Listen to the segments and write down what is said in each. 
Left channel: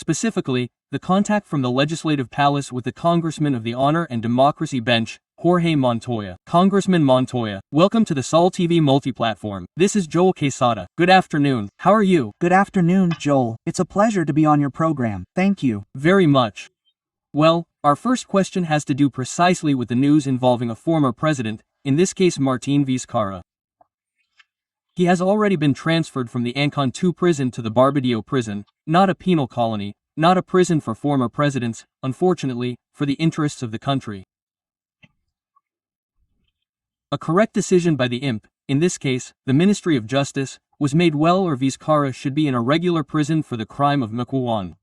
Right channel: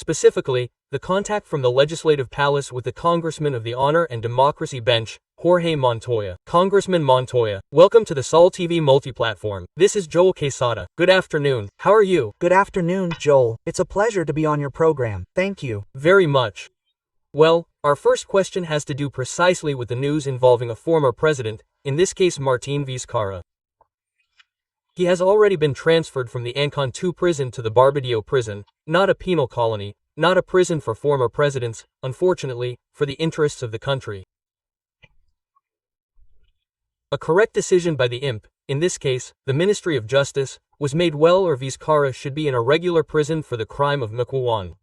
specifically, the contact from the Legislative Palace with the Congressman of the Honor and Democracy Bench, Jorge Montoya. Congressman Montoya, welcome to the Sol TV multi-platform. This is Joel Quesada. Good afternoon. How are you? Good afternoon, Joel. It's a pleasure to be on your program. Thank you. Very much. Well, our first question has to do precisely with the news involving a former president, in this case Martín Vizcarra. He has already been transferred from the Ancon 2 prison to the Barbadillo prison, not a penal colony, not a prison for former presidents, unfortunately, for the interests of the country. A correct decision by the IMP, in this case, the Ministry of Justice, was made well, or Vizcarra should be in a regular prison for the crime of Mukwawan.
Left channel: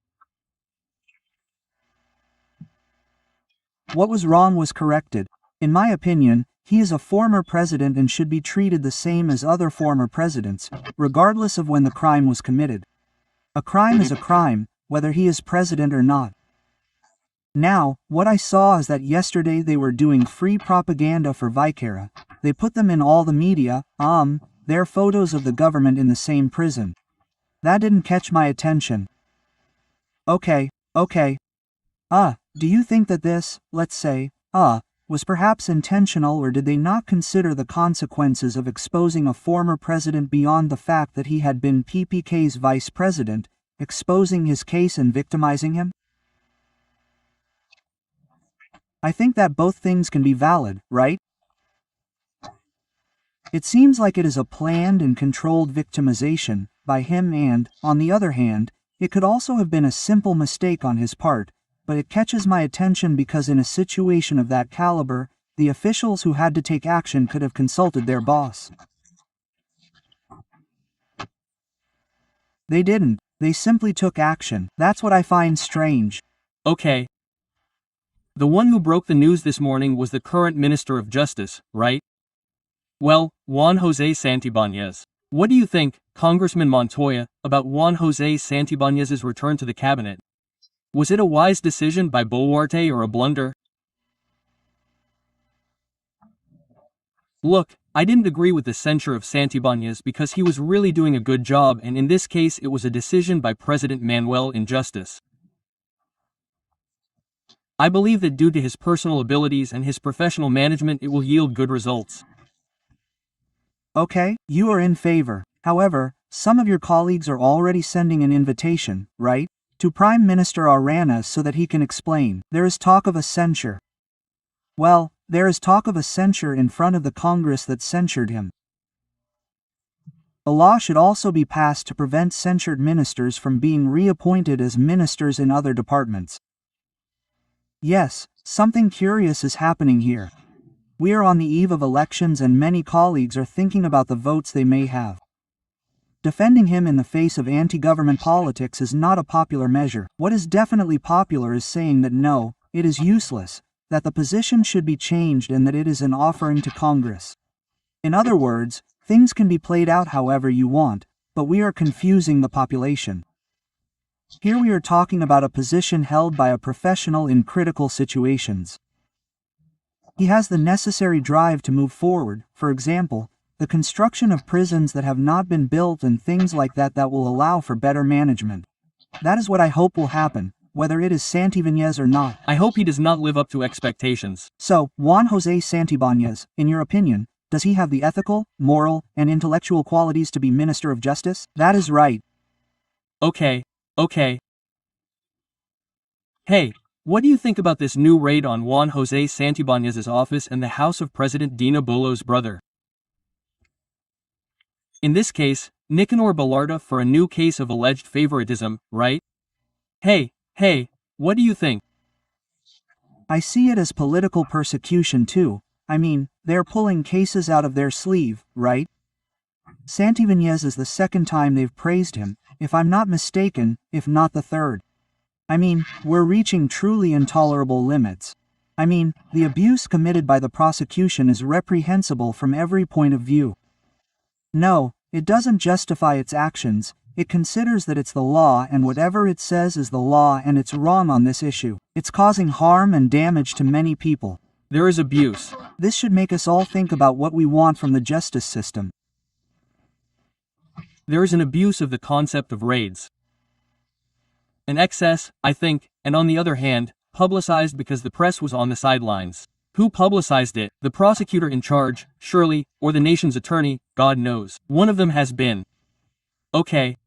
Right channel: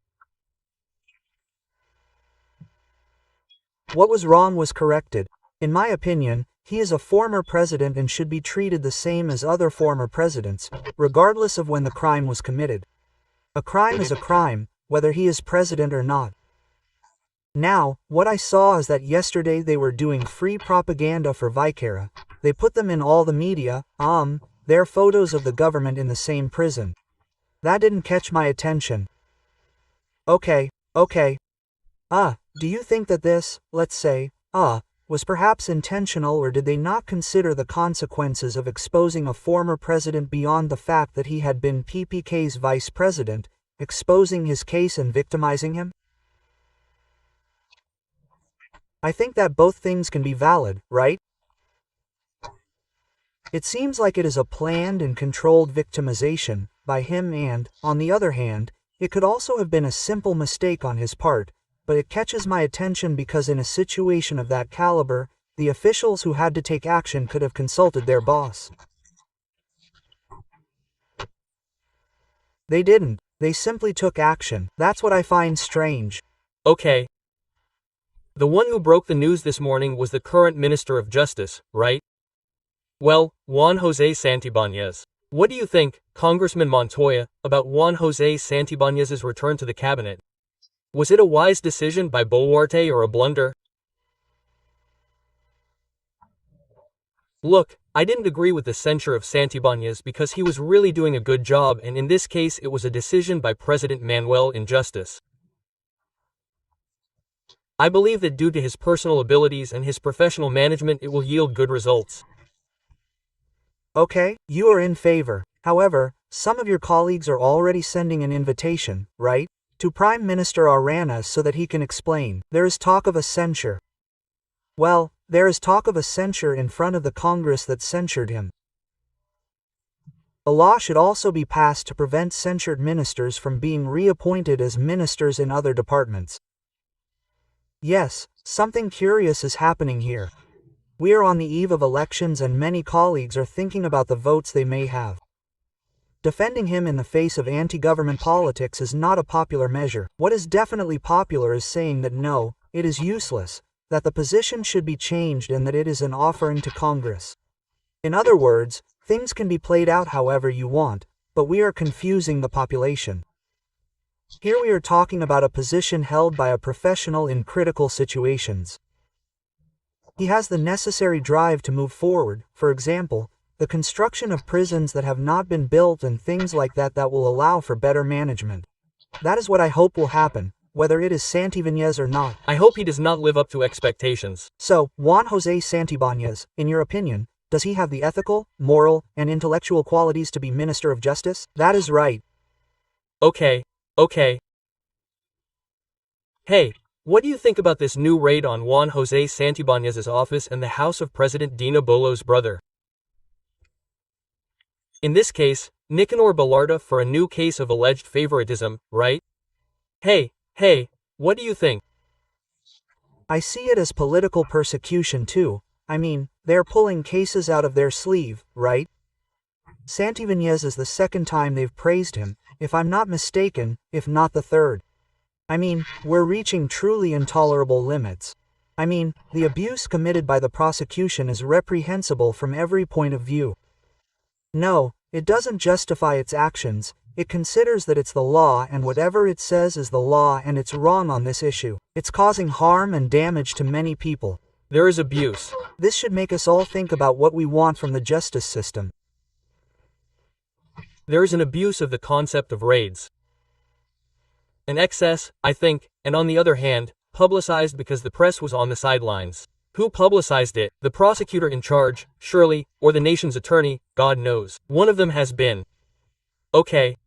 What was wrong was corrected. In my opinion, he is a former president and should be treated the same as other former presidents, regardless of when the crime was committed. A crime is a crime, whether he is president or not. Now, what I saw is that yesterday they were doing free propaganda for Vizcarra. They put them in all the media, their photos of the government in the same prison. That didn't catch my attention. Okay. Do you think that this, let's say, was perhaps intentional, or did they not consider the consequences of exposing a former president beyond the fact that he had been PPK's vice president, exposing his case and victimizing him? I think that both things can be valid, right? It seems like it is a planned and controlled victimization by him, and, on the other hand, it could also have been a simple mistake on his part, but it catches my attention because in a situation of that caliber, the officials who had to take action could have consulted their boss. They didn't. They simply took action. That's what I find strange. Okay. The one who broke the news this morning was the current Minister of Justice, right? Well, Juan José Santibáñez. What do you think, Congressman Montoya, about Juan José Santibáñez's return to the cabinet? Was it a wise decision by Boluarte or a blunder? Look, I didn't agree with the censure of Santibáñez because he was really doing a good job, and in this case it was a decision by President Manuel in justice. I believe that due to his personal abilities and his professional management it will yield good results. Okay, you are in favor. However, some of your colleagues are already sending an invitation, right, to Prime Minister Arana so that he can explain. There is talk of a censure. Well, there is talk of a censure in front of the Congress that censured him. A law should also be passed to prevent censured ministers from being reappointed as ministers in other departments. Yes, something curious is happening here. We are on the eve of elections and many colleagues are thinking about the votes they may have. Defending him in the face of anti-government politics is not a popular measure. What is definitely popular is saying that no, it is useless, that the position should be changed and that it is an offering to Congress. In other words, things can be played out however you want, but we are confusing the population. Here we are talking about a position held by a professional in critical situations. He has the necessary drive to move forward, for example, the construction of prisons that have not been built and things like that that will allow for better management. That is what I hope will happen, whether it is Santibáñez or not. I hope he does not live up to expectations. So, Juan José Santibáñez, in your opinion, does he have the ethical, moral, and intellectual qualities to be Minister of Justice? That is right. Okay. Hey, what do you think about this new raid on Juan José Santibáñez's office and the house of President Dina Bolo's brother? In this case, Nicanor Ballarta for a new case of alleged favoritism, right? Hey, what do you think? I see it as political persecution too. I mean, they're pulling cases out of their sleeve, right? Santibáñez is the second time they've praised him, if I'm not mistaken, if not the third. I mean, we're reaching truly intolerable limits. I mean, the abuse committed by the prosecution is reprehensible from every point of view. No, it doesn't justify its actions, it considers that it's the law and whatever it says is the law and it's wrong on this issue. It's causing harm and damage to many people. There is abuse. This should make us all think about what we want from the justice system. There is an abuse of the concept of raids. An excess, I think, and on the other hand, publicized because the press was on the sidelines. Who publicized it? The prosecutor in charge, surely, or the nation's attorney, God knows. One of them has been. Okay.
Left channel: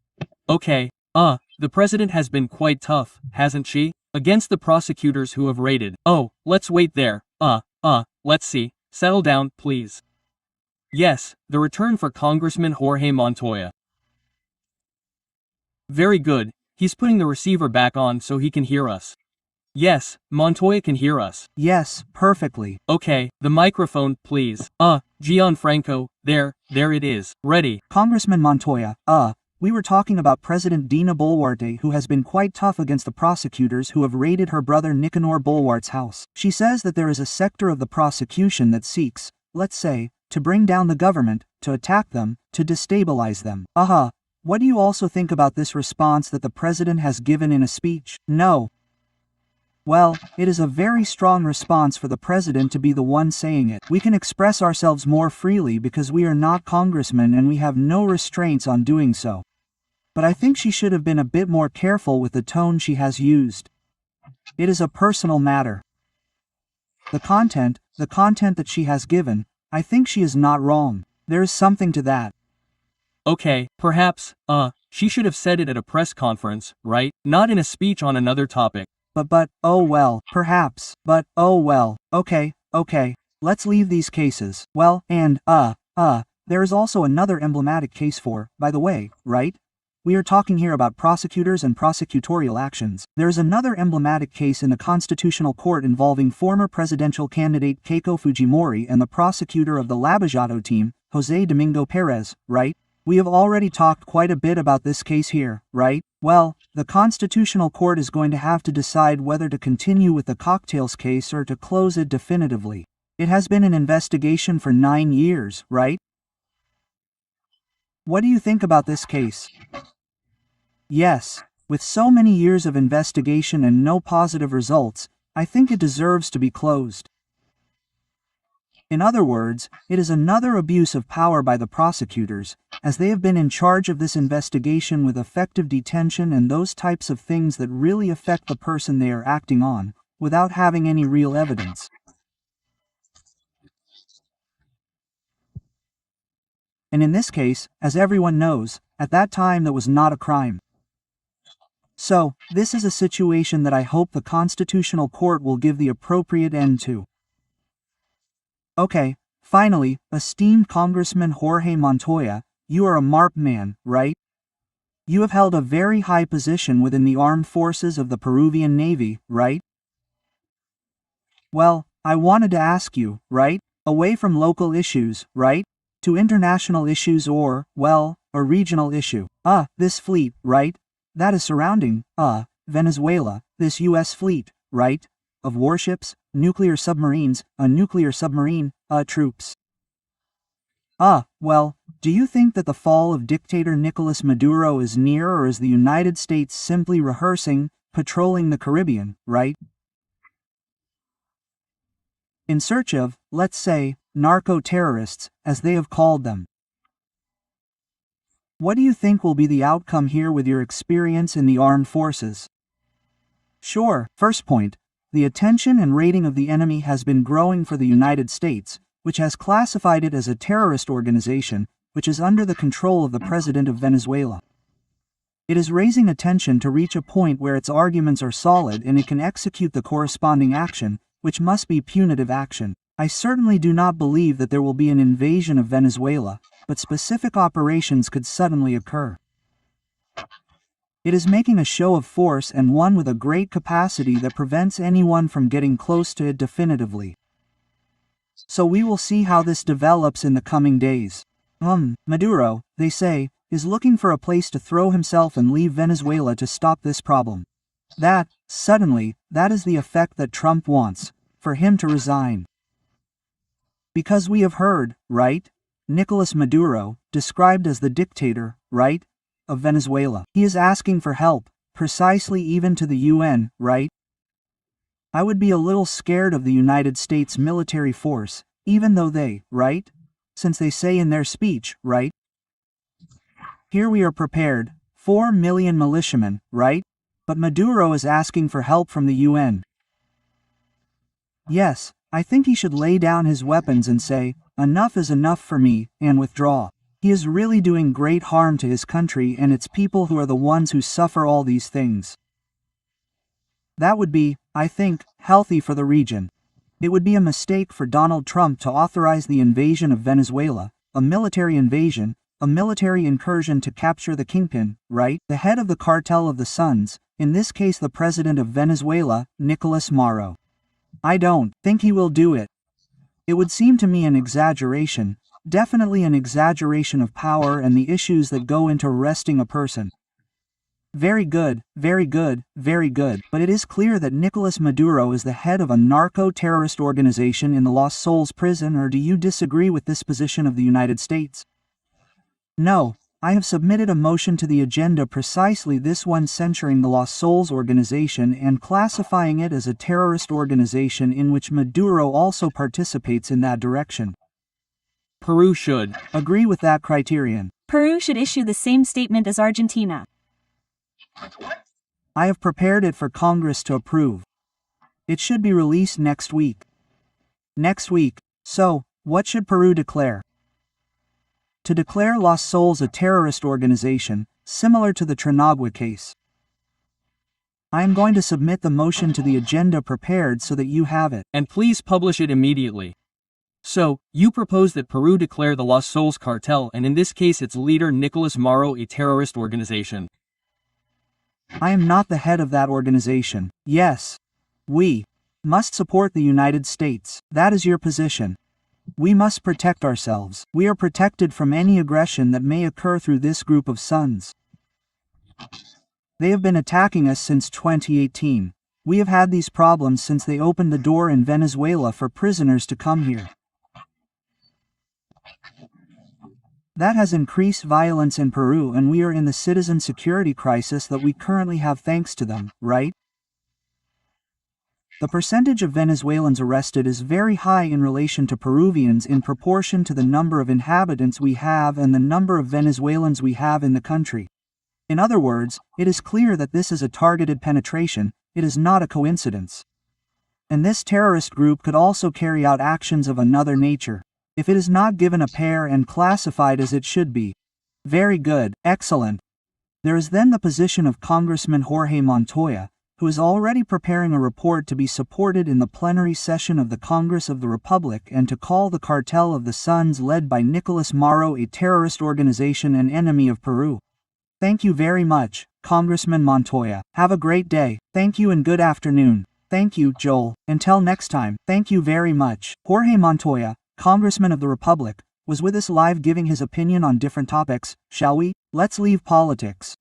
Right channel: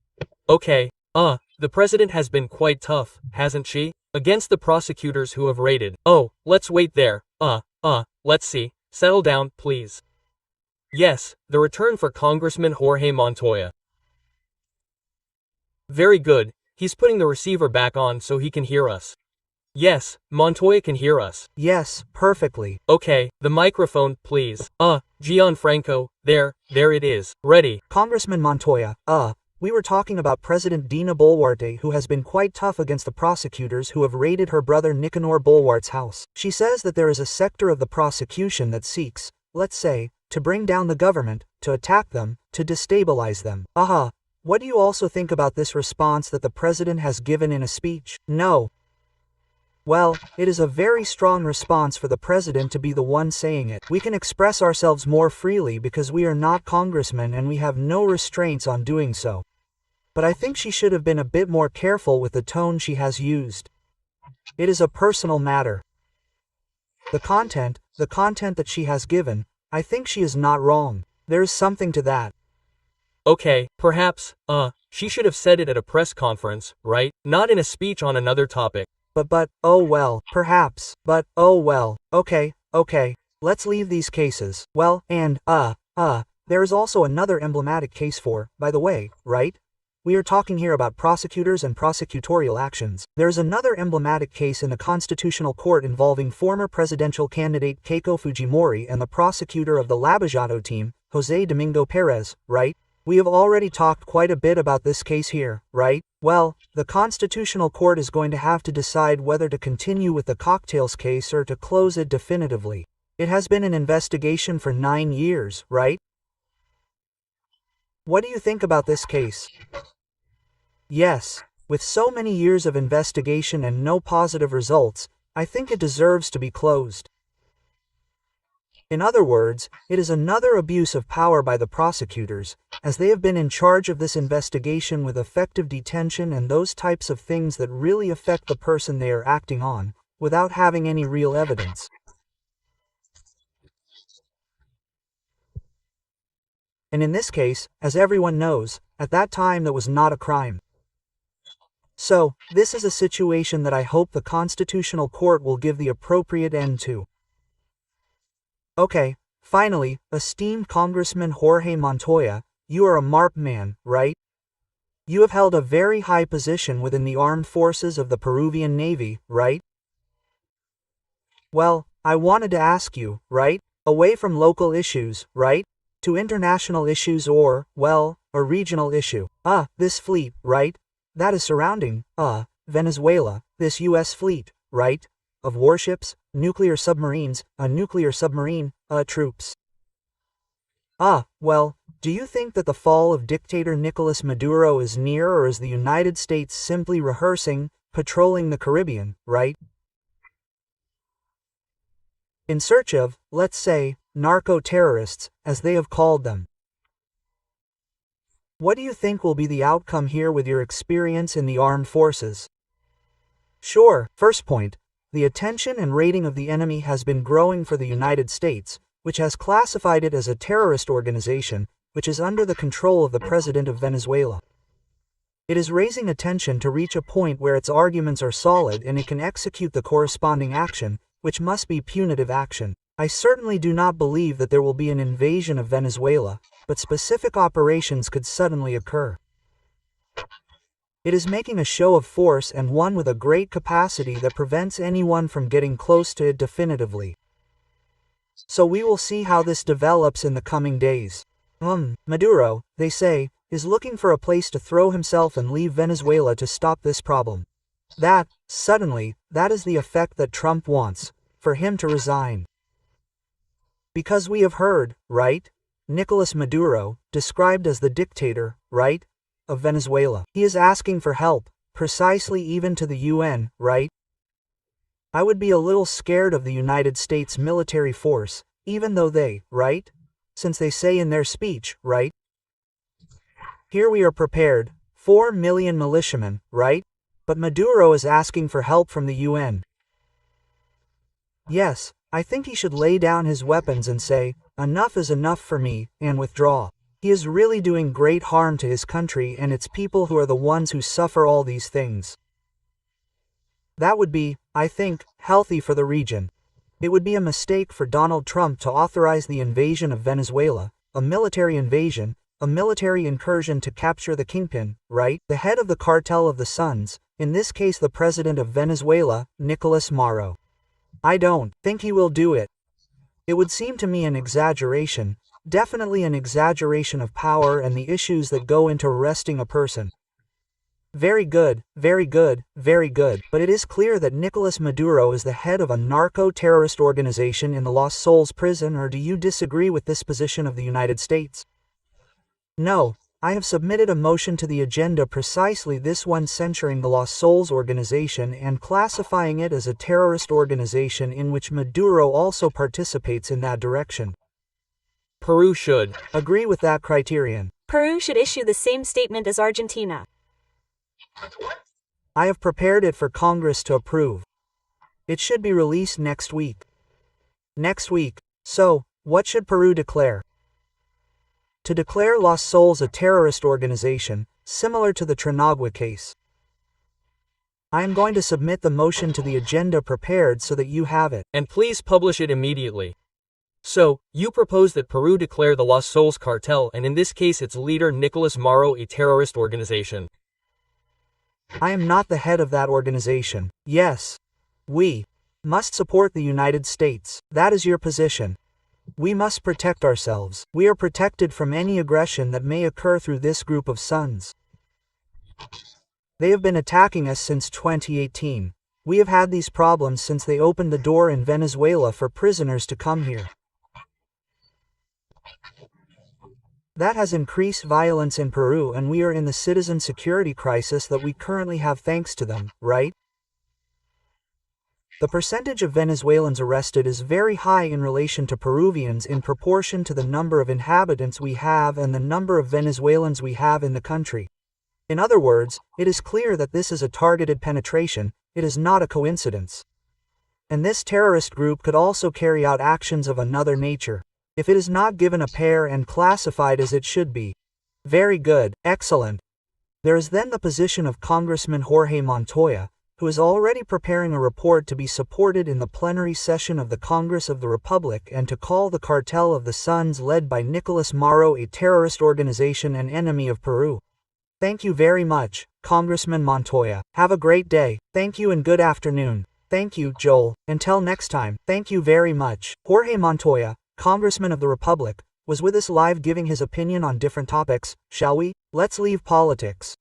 The president has been quite tough, hasn't she? Against the prosecutors who have raided. Oh, let's wait there. Let's see. Settle down, please. Yes, the return for Congressman Jorge Montoya. Very good, he's putting the receiver back on so he can hear us. Yes, Montoya can hear us. Yes, perfectly. Okay, the microphone, please. Gianfranco, there it is. Ready. Congressman Montoya, we were talking about President Dina Boluarte, who has been quite tough against the prosecutors who have raided her brother Nicanor Boluarte's house. She says that there is a sector of the prosecution that seeks, let's say, to bring down the government, to attack them, to destabilize them. What do you also think about this response that the president has given in a speech? No. Well, it is a very strong response for the president to be the one saying it. We can express ourselves more freely because we are not congressmen and we have no restraints on doing so. But I think she should have been a bit more careful with the tone she has used. It is a personal matter. The content that she has given, I think she is not wrong. There is something to that. Okay, perhaps, she should have said it at a press conference, right? Not in a speech on another topic. Oh well, perhaps, okay, let's leave these cases. Well, and, there is also another emblematic case for, by the way, right? We are talking here about prosecutors and prosecutorial actions. There is another emblematic case in the Constitutional Court involving former presidential candidate Keiko Fujimori and the prosecutor of the Lavajato team, Jose Domingo Perez, right? We have already talked quite a bit about this case here, right? Well, the Constitutional Court is going to have to decide whether to continue with the cocktails case or to close it definitively. It has been an investigation for 9 years, right? What do you think about this case? Yes, with so many years of investigation and no positive results, I think it deserves to be closed. In other words, it is another abuse of power by the prosecutors, as they have been in charge of this investigation with effective detention and those types of things that really affect the person they are acting on, without having any real evidence. And in this case, as everyone knows, at that time that was not a crime. So, this is a situation that I hope the Constitutional Court will give the appropriate end to. Okay, finally, esteemed Congressman Jorge Montoya, you are a MARP man, right? You have held a very high position within the armed forces of the Peruvian Navy, right? Well, I wanted to ask you, right? Away from local issues, right? To international issues or, well, a regional issue. This fleet, right? That is surrounding, Venezuela, this US fleet, right? Of warships, nuclear submarines, a nuclear submarine, troops. Well, do you think that the fall of dictator Nicolas Maduro is near, or is the United States simply rehearsing, patrolling the Caribbean, right? In search of, let's say, narco-terrorists, as they have called them. What do you think will be the outcome here with your experience in the armed forces? Sure, first point, the attention and rating of the enemy has been growing for the United States, which has classified it as a terrorist organization, which is under the control of the president of Venezuela. It is raising attention to reach a point where its arguments are solid and it can execute the corresponding action, which must be punitive action. I certainly do not believe that there will be an invasion of Venezuela, but specific operations could suddenly occur. It is making a show of force, and one with a great capacity that prevents anyone from getting close to it definitively. So we will see how this develops in the coming days. Maduro, they say, is looking for a place to throw himself and leave Venezuela to stop this problem. That is the effect that Trump wants, for him to resign. Because we have heard, right? Nicolas Maduro, described as the dictator, right? Of Venezuela. He is asking for help, precisely even to the UN, right? I would be a little scared of the United States military force, even though they, right? Since they say in their speech, right? Here we are prepared, 4 million militiamen, right? but Maduro is asking for help from the UN. Yes, I think he should lay down his weapons and say, enough is enough for me, and withdraw. He is really doing great harm to his country and its people who are the ones who suffer all these things. That would be, I think, healthy for the region. It would be a mistake for Donald Trump to authorize the invasion of Venezuela, a military invasion, a military incursion to capture the kingpin, right? The head of the cartel of the Suns, in this case the president of Venezuela, Nicolas Maduro. I don't think he will do it. It would seem to me an exaggeration, definitely an exaggeration of power and the issues that go into arresting a person. Very good, very good, very good, but it is clear that Nicolas Maduro is the head of a narco-terrorist organization in the Los Sols prison, or do you disagree with this position of the United States? No, I have submitted a motion to the agenda, precisely this one, censuring the Los Sols organization and classifying it as a terrorist organization in which Maduro also participates in that direction. Peru should agree with that criterion. Peru should issue the same statement as Argentina. I have prepared it for Congress to approve. It should be released next week. Next week. So, what should Peru declare? To declare Los Sols a terrorist organization, similar to the Trinagua case. I am going to submit the motion to the agenda prepared so that you have it. And please publish it immediately. So, you propose that Peru declare the Los Sols cartel and in this case its leader Nicolas Maduro a terrorist organization. I am not the head of that organization. Yes. We must support the United States. That is your position. We must protect ourselves. We are protected from any aggression that may occur through this group of sons. They have been attacking us since 2018. We have had these problems since they opened the door in Venezuela for prisoners to come here. That has increased violence in Peru, and we are in the citizen security crisis that we currently have thanks to them, right? The percentage of Venezuelans arrested is very high in relation to Peruvians in proportion to the number of inhabitants we have and the number of Venezuelans we have in the country. In other words, it is clear that this is a targeted penetration, it is not a coincidence. And this terrorist group could also carry out actions of another nature, if it is not given a pair and classified as it should be. Very good, excellent. There is then the position of Congressman Jorge Montoya, who is already preparing a report to be supported in the plenary session of the Congress of the Republic and to call the cartel of the Suns led by Nicolas Maduro a terrorist organization and enemy of Peru. Thank you very much, Congressman Montoya. Have a great day. Thank you and good afternoon. Thank you, Joel. Until next time, thank you very much. Jorge Montoya, Congressman of the Republic, was with us live giving his opinion on different topics. Shall we? Let's leave politics.